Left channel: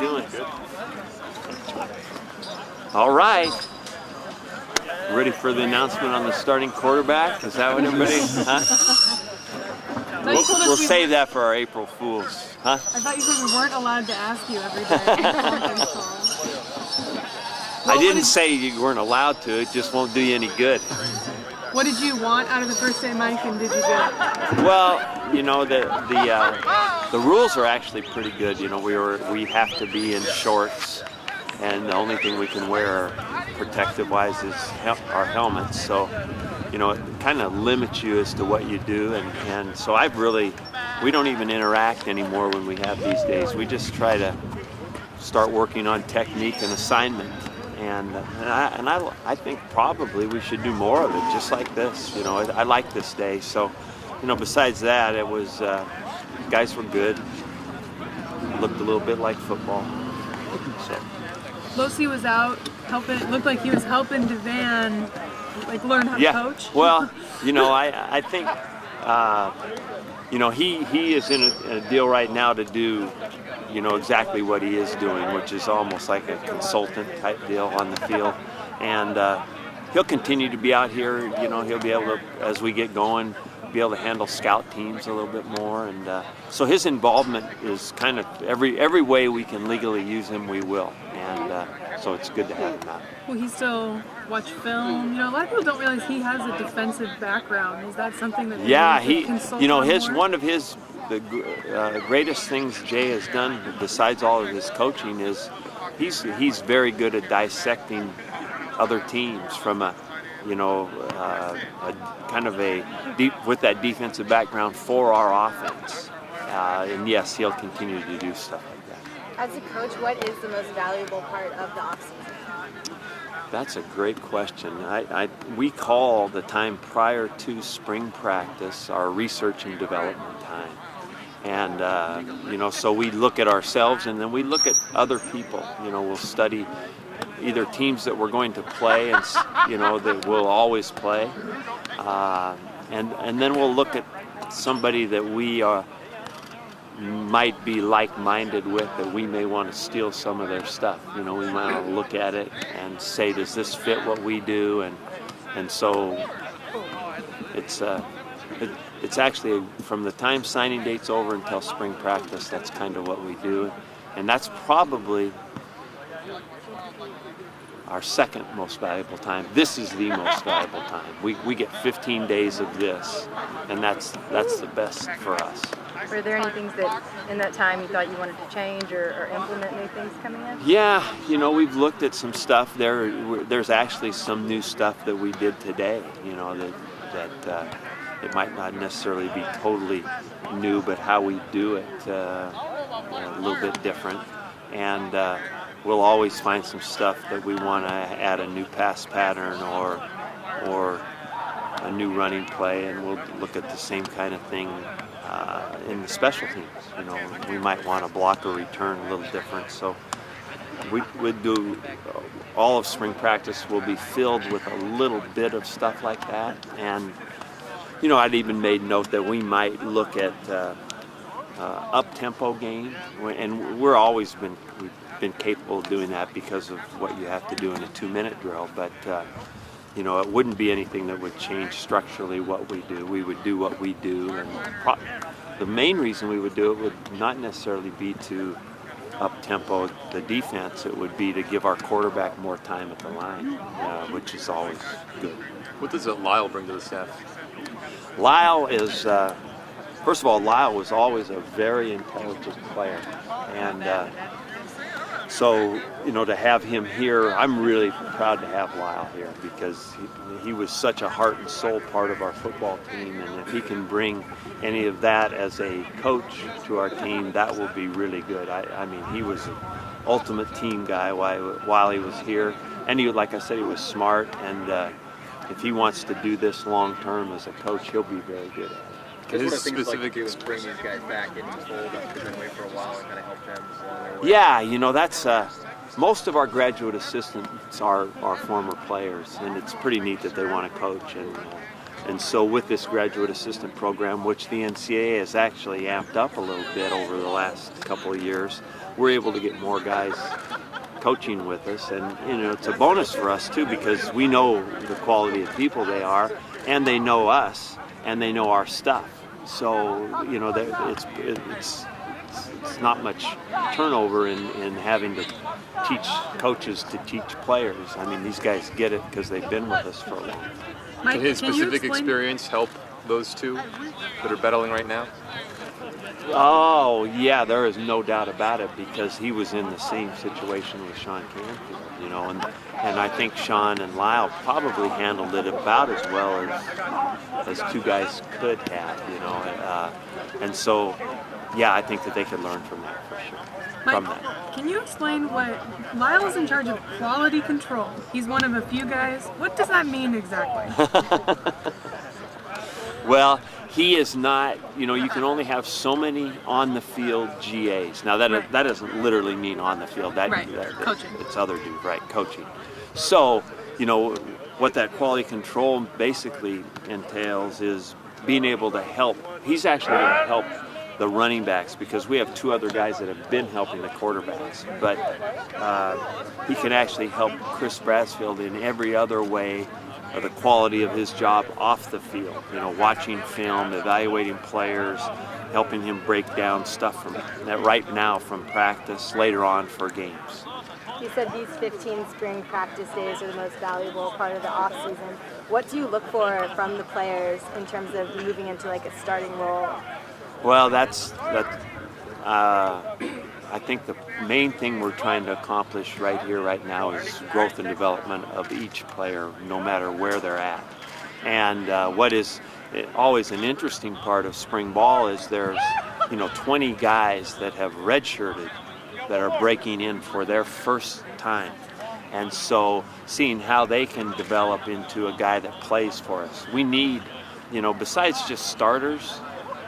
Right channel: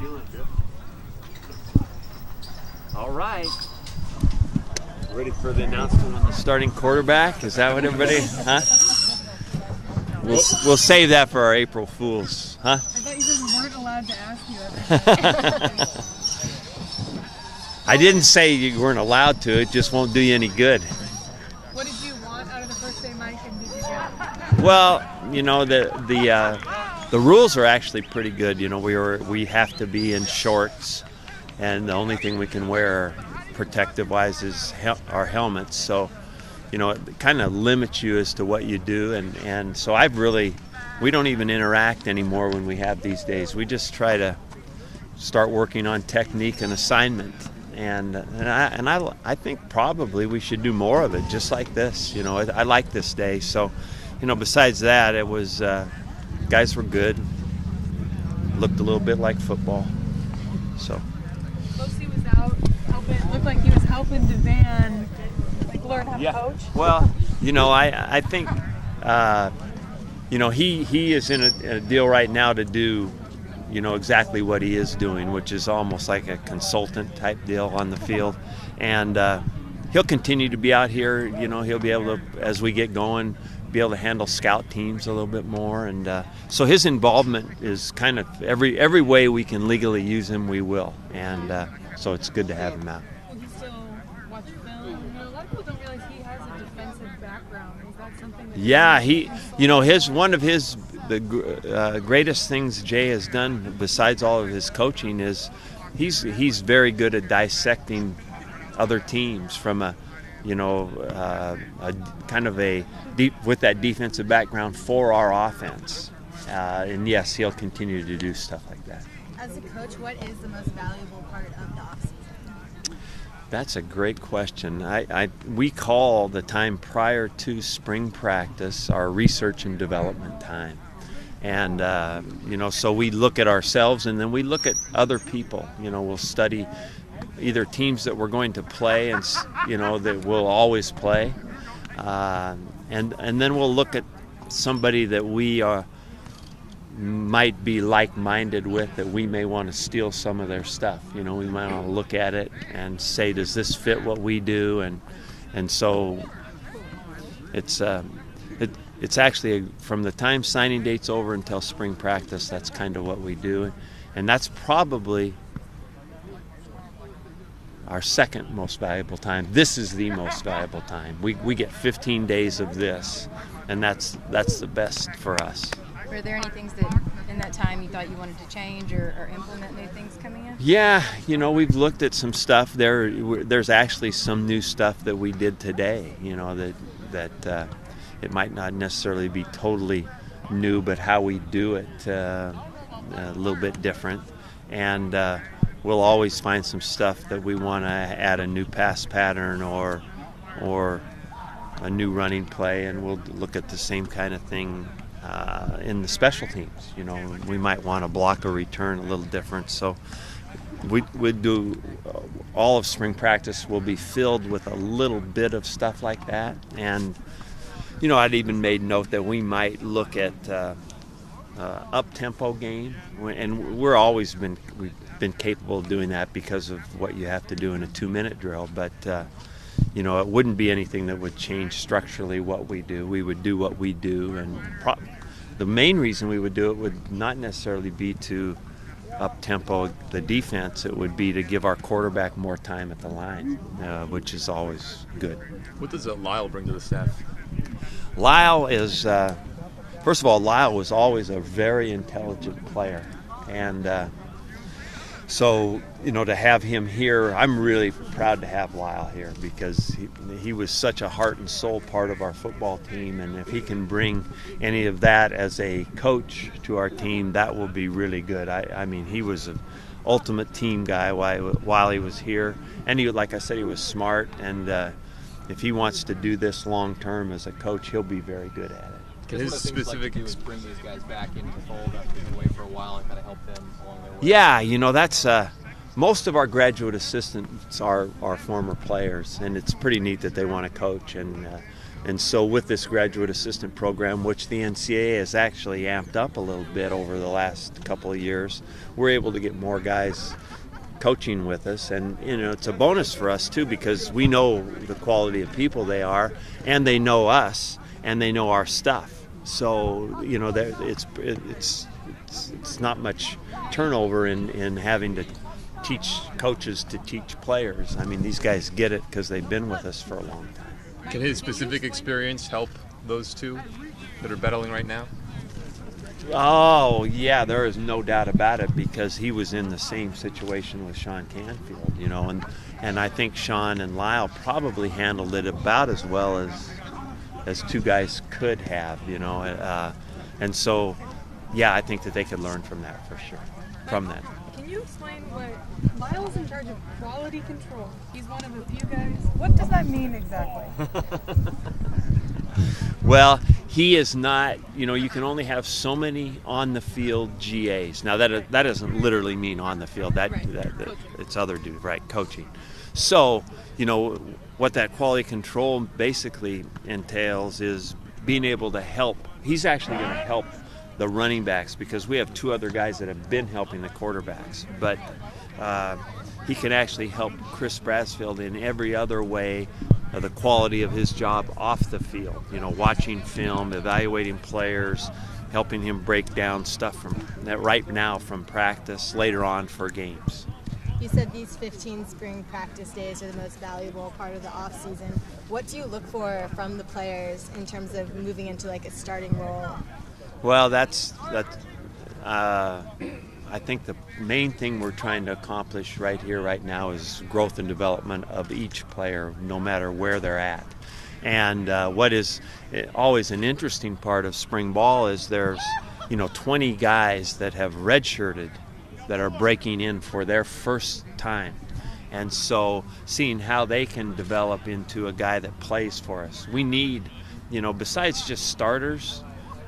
we doing? Good. All right. Ready for the announcement on the starting quarterback? Is that what everybody? Huh? We'll save that for our April Fools, huh? I thought you said we weren't allowed to ask you everything. I didn't say you weren't allowed to. It just won't do you any good. What did you want out of the first day, Mike, and did you get? Well, you know, the rules are actually pretty good. You know, we have to be in shorts, and the only thing we can wear protective-wise is our helmets. So, you know, it kind of limits you as to what you do, and so we don't even interact anymore when we have these days. We just try to start working on technique and assignment. And I think probably we should do more of it, just like this. You know, I like this day. So, you know, besides that, it was guys were good. Looked a little bit like football. So. Losi was out helping. Looked like he was helping Devan learn how to coach. Well, you know, I think you know he is in a deal right now to do, you know, exactly what he is doing, which is almost like a consultant type deal on the field. And he'll continue to be out here. You know, he'll be able to, as we get going, be able to handle scout teams a little bit more. And so his involvement is kind of every way we can legally use him, we will. And so it's good to have him out. Will he still watch film? You know, a lot of people don't realize he has a defensive background. Is that something that? Yeah, you know, one of his greatest things Jay has done, besides all of his coaching, is he's very good at dissecting other teams from a kind of a deep with that defensive background for our offense. And yes, he'll continue to do stuff like that. As a coach, what is the most valuable part of the offseason? That's a great question. We call the time prior to spring practice our research and development time. And, you know, so we look at ourselves and then we look at other people. You know, we'll study either teams that we're going to play and, you know, that we'll always play. And then we'll look at somebody that we might be like-minded with, that we may want to steal some of their stuff. You know, we might want to look at it and say, does this fit what we do? And so it's actually from the time signing date's over until spring practice, that's kind of what we do. And that's probably our second most valuable time. This is the most valuable time. We get 15 days of this, and that's the best for us. Were there any things that in that time you thought you wanted to change or implement new things coming in? Yeah, you know, we've looked at some stuff. There's actually some new stuff that we did today, you know, that it might not necessarily be totally new, but how we do it a little bit different. And we'll always find some stuff that we want to add a new pass pattern or a new running play, and we'll look at the same kind of thing in the special teams. You know, we might want to block a return a little different. So we'd do all of spring practice will be filled with a little bit of stuff like that. And you know, I'd even made note that we might look at up-tempo game, and we've been capable of doing that because of what you have to do in a 2-minute drill. But you know, it wouldn't be anything that would change structurally what we do. We would do what we do, and the main reason we would do it would not necessarily be to up-tempo the defense. It would be to give our quarterback more time at the line, which is always good. What does Lyle bring to the staff? Lyle is, first of all, Lyle was always a very intelligent player, and so, you know, to have him here, I'm really proud to have Lyle here because he was such a heart and soul part of our football team, and if he can bring any of that as a coach to our team, that will be really good. I mean, he was an ultimate team guy while he was here, and he, like I said, he was smart, and if he wants to do this long term as a coach, he'll be very good at it. Because one of the things like to do is bring these guys back into the fold after they've been away for a while and kind of help them along their way. Yeah, you know, that's most of our graduate assistants are former players, and it's pretty neat that they want to coach. And And so with this graduate assistant program, which the NCAA has actually amped up a little bit over the last couple of years, we're able to get more guys coaching with us. And it's a bonus for us too, because we know the quality of people they are, and they know us, and they know our stuff. So it's not much turnover in having to teach coaches to teach players. I mean, these guys get it because they've been with us for a long time. Mike, Can his can you specific explain- experience help those two that are battling right now? Oh, yeah, there is no doubt about it, because he was in the same situation with Sean Canfield, and I think Sean and Lyle probably handled it about as well as two guys could have, and so, yeah, I think that they could learn from that for sure. From Mike, that. can you explain what Lyle is in charge of quality control? He's one of a few guys. What does that mean exactly? Well, he is not, you can only have so many on the field GAs. Now that doesn't literally mean on the field. That Coaching. It's other dude, right? Coaching. So, what that quality control basically entails is being able to help. He's actually going to help the running backs, because we have two other guys that have been helping the quarterbacks. But he can actually help Chris Brassfield in every other way of the quality of his job off the field. Watching film, evaluating players, helping him break down stuff right now from practice, later on for games. You said these 15 spring practice days are the most valuable part of the off season. What do you look for from the players in terms of moving into like a starting role? Well, I think the main thing we're trying to accomplish right here, right now, is growth and development of each player, no matter where they're at. And what is always an interesting part of spring ball is there's 20 guys that have redshirted that are breaking in for their first time. And so seeing how they can develop into a guy that plays for us. We need, besides just starters,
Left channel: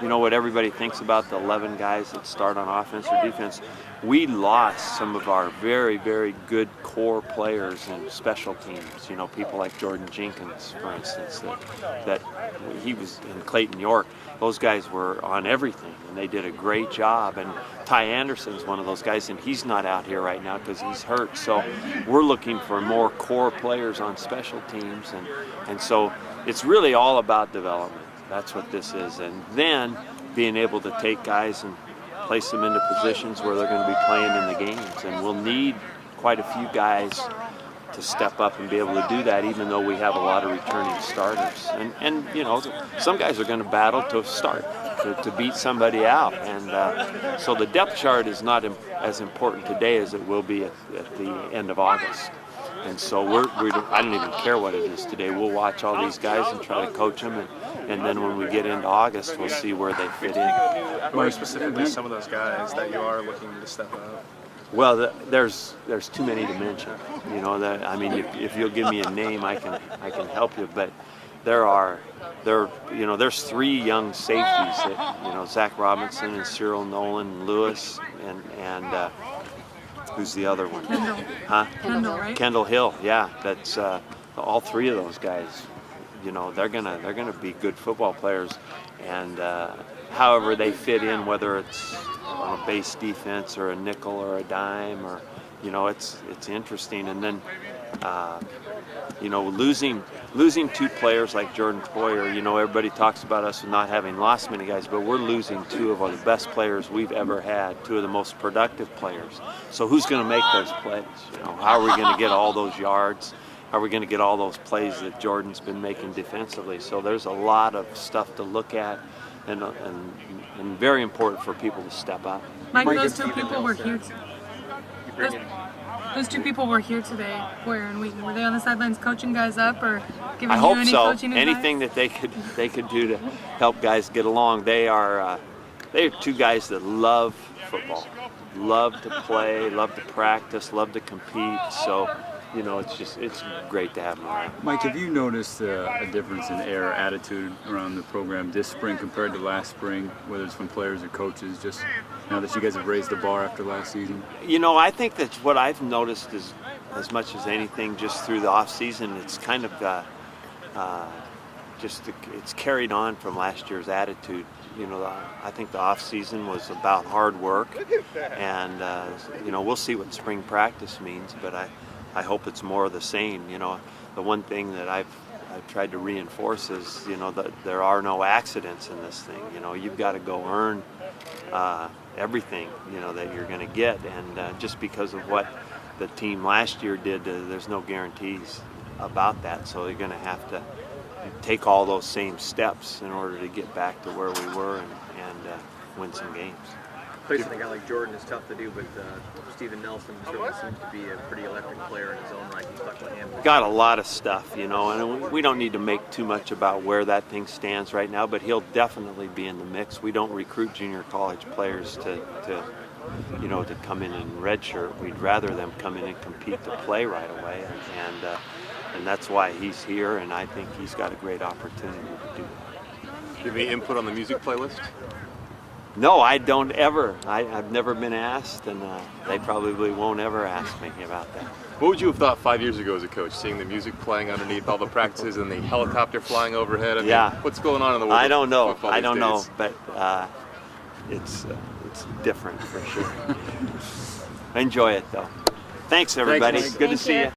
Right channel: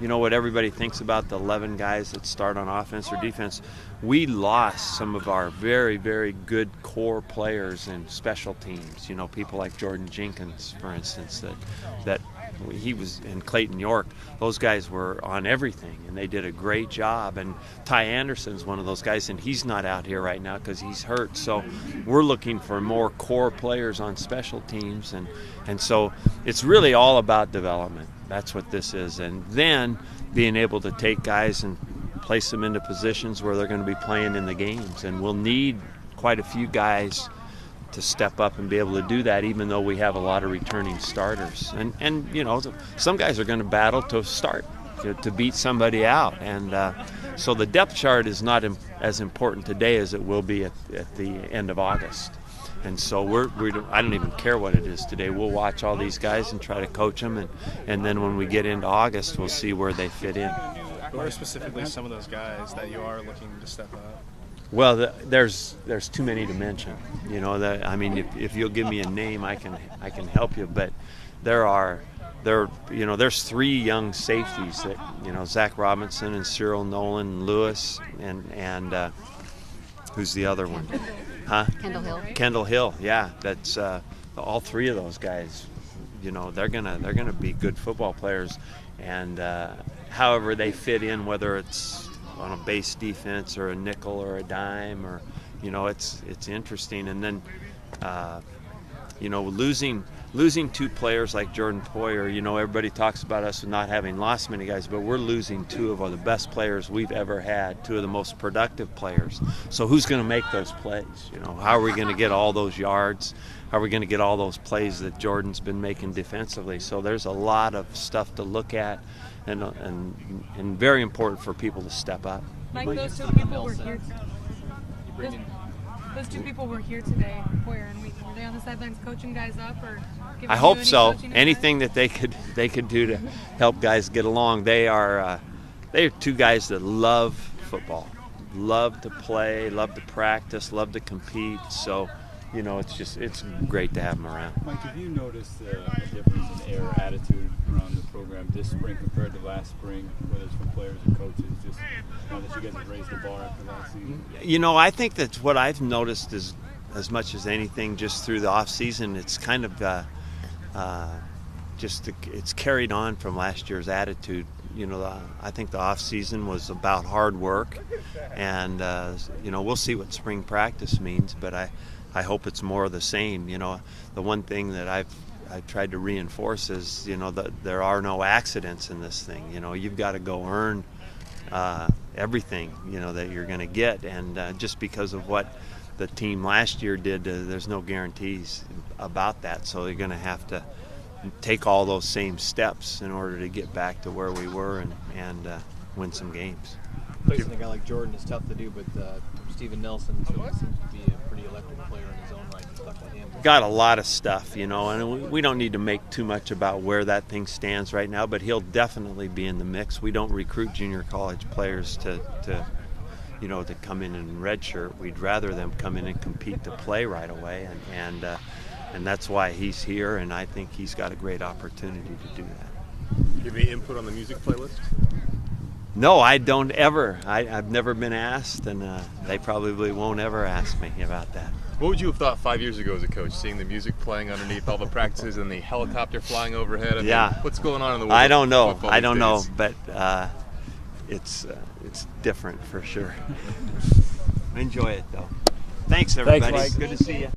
what everybody thinks about the 11 guys that start on offense or defense, we lost some of our very, very good core players in special teams. People like Jordan Jenkins, for instance, that he was in Clayton York. Those guys were on everything, and they did a great job. And Ty Anderson's one of those guys, and he's not out here right now because he's hurt. So we're looking for more core players on special teams, and so it's really all about development. That's what this is. And then being able to take guys and place them into positions where they're going to be playing in the games. And we'll need quite a few guys to step up and be able to do that, even though we have a lot of returning starters. And some guys are going to battle to start, to beat somebody out. And so the depth chart is not as important today as it will be at the end of August. And so I don't even care what it is today. We'll watch all these guys and try to coach them, and then when we get into August, we'll see where they fit in. Who are specifically some of those guys that you are looking to step up? Well, there's too many to mention. If you'll give me a name, I can help you. But there's three young safeties that Zach Robinson and Cyril Nolan and Lewis and who's the other one? Kendall. Huh? Kendall, right? Kendall Hill. Yeah, that's all three of those guys. They're gonna be good football players, and however they fit in, whether it's on a base defense or a nickel or a dime, or it's interesting. And then losing two players like Jordan Poyer, everybody talks about us not having lost many guys, but we're losing two of the best players we've ever had, two of the most productive players. So who's going to make those plays? How are we going to get all those yards? How are we going to get all those plays that Jordan's been making defensively? So there's a lot of stuff to look at, and very important for people to step up. Mike, those two people were here. Those two people were here today. Where and were they on the sidelines coaching guys up, or giving I you hope any so. coaching advice? Anything that they could do to help guys get along. They're two guys that love football, love to play, love to practice, love to compete. So it's great to have them around. Mike, have you noticed a difference in air or attitude around the program this spring compared to last spring, whether it's from players or coaches, just now that you guys have raised the bar after last season? I think that's what I've noticed is, as much as anything, just through the off season, it's kind of it's carried on from last year's attitude. You know, I think the off season was about hard work, and you know, we'll see what spring practice means, but I hope it's more of the same. You know, the one thing that I've tried to reinforce is, you know, that there are no accidents in this thing. You know, you've got to go earn everything, you know, that you're going to get, and just because of what the team last year did, there's no guarantees about that. So you're going to have to take all those same steps in order to get back to where we were and win some games. Placing a guy like Jordan is tough to do, but Steven Nelson seems to be a pretty electric player in his own right. He's stuck with him. Got a lot of stuff, you know, and we don't need to make too much about where that thing stands right now, but he'll definitely be in the mix. We don't recruit junior college players to you know, to come in redshirt. We'd rather them come in and compete to play right away, and that's why he's here, and I think he's got a great opportunity to do that. Do you have any input on the music playlist? No, I don't ever. I've never been asked, and they probably won't ever ask me about that. What would you have thought 5 years ago as a coach, seeing the music playing underneath all the practices and the helicopter flying overhead? I mean, yeah. What's going on in the world? I don't know. Football I don't know, these days? but it's different for sure. Enjoy it though. Thanks, everybody. Thanks, Mike. Good to see you.